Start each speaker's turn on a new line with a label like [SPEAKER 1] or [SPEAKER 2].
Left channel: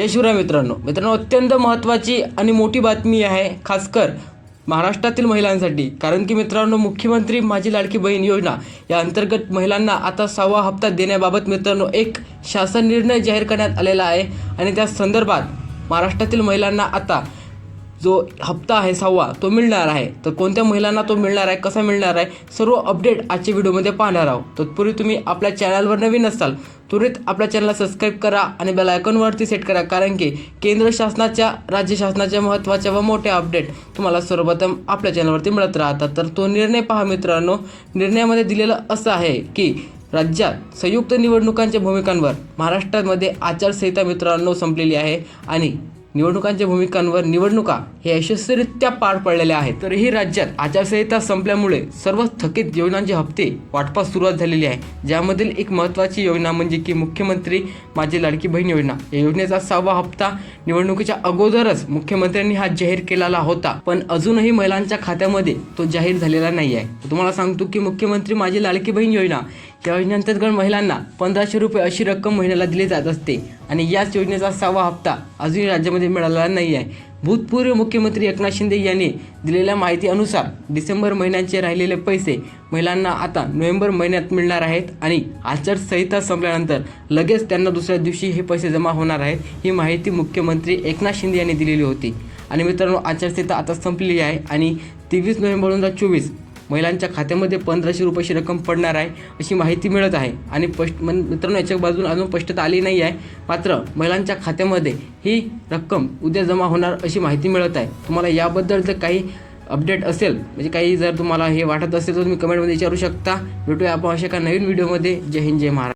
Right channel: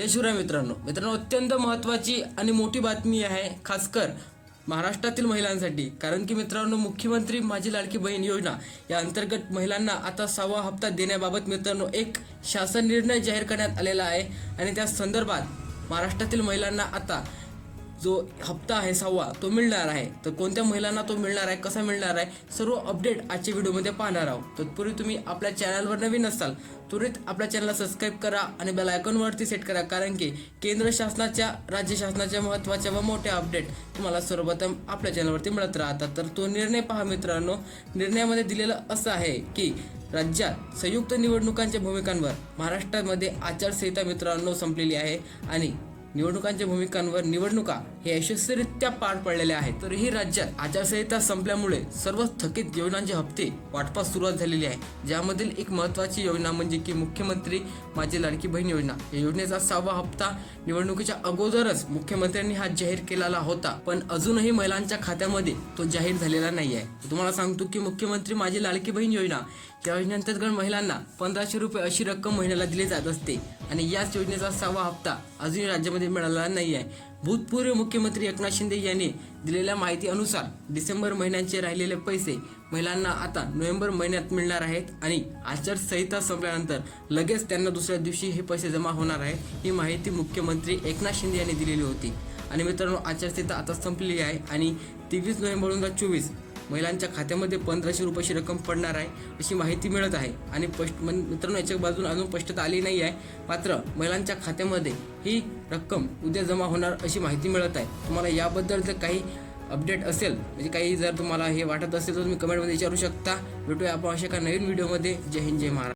[SPEAKER 1] जय शिवराय मित्रांनो. मित्रांनो अत्यंत महत्त्वाची आणि मोठी बातमी आहे खासकर महाराष्ट्रातील महिलांसाठी. कारण की मित्रांनो मुख्यमंत्री माझी लाडकी बहीण योजना या अंतर्गत महिलांना आता सहावा हप्ता देण्याबाबत मित्रांनो एक शासन निर्णय जाहीर करण्यात आलेला आहे. आणि त्या संदर्भात महाराष्ट्रातील महिलांना आता जो हप्ता आहे सहावा तो मिळणार आहे. तर कोणत्या महिलांना तो मिळणार आहे कसा मिळणार आहे सर्व अपडेट आजच्या व्हिडिओमध्ये पाहणार आहोत. तत्पूर्वी तुम्ही आपल्या चॅनलवर नवीन असाल त्वरित आपल्या चॅनलला सबस्क्राईब करा आणि बेल आयकॉनवरती सेट करा. कारण की केंद्र शासनाच्या राज्य शासनाच्या महत्त्वाच्या व मोठ्या अपडेट तुम्हाला सर्वप्रथम आपल्या चॅनलवरती मिळत राहतात. तर तो निर्णय पहा मित्रांनो. निर्णयामध्ये दिलेलं असं आहे की राज्यात संयुक्त निवडणुकांच्या भूमिकांवर महाराष्ट्रामध्ये आचारसंहिता मित्रांनो संपलेली आहे आणि निवडणुकांच्या भूमिकांवर निवडणुका हे यशस्वीरित्या पार पडलेल्या आहेत. तरीही राज्यात आचारसंहिता संपल्यामुळे सर्व थकीत योजनांचे हप्ते वाटपास सुरुवात झालेली आहे. ज्यामधील एक महत्त्वाची योजना म्हणजे की मुख्यमंत्री माझी लाडकी बहीण योजना. या योजनेचा सहावा हप्ता निवडणुकीच्या अगोदरच मुख्यमंत्र्यांनी हा जाहीर केलेला होता. पण अजूनही महिलांच्या खात्यामध्ये तो जाहीर झालेला नाही आहे. तुम्हाला सांगतो की मुख्यमंत्री माझी लाडकी बहीण योजना या योजनेअंतर्गत महिलांना पंधराशे रुपये अशी रक्कम महिन्याला दिली जात असते. आणि याच योजनेचा सहावा हप्ता अजूनही राज्यामध्ये मिळालेला नाही आहे भूतपूर्व मुख्यमंत्री एकनाथ शिंदे यांनी दिलेल्या माहितीनुसार डिसेंबर महिन्याचे राहिलेले पैसे महिलांना आता नोव्हेंबर महिन्यात मिळणार आहेत आणि आचारसंहिता संपल्यानंतर लगेच त्यांना दुसऱ्या दिवशी हे पैसे जमा होणार आहेत ही माहिती मुख्यमंत्री एकनाथ शिंदे यांनी दिलेली होती. आणि मित्रांनो आचारसंहिता आता संपलेली आहे आणि तेवीस नोव्हेंबर दोन हजार चोवीस महिलांच्या खात्यामध्ये पंधराशे रुपयाची रक्कम पडणार आहे अशी माहिती मिळत आहे. आणि स्पष्ट मित्रांनो याच्या बाजून अजून स्पष्टता आली नाही आहे. मात्र महिलांच्या खात्यामध्ये ही रक्कम उद्या जमा होणार अशी माहिती मिळत आहे. तुम्हाला याबद्दल जर काही अपडेट असेल म्हणजे काही जर तुम्हाला हे वाटत असेल तर तुम्ही कमेंटमध्ये विचारू शकता. भेटूया आपण अशा एका नवीन व्हिडिओमध्ये. जय हिंद जय महाराज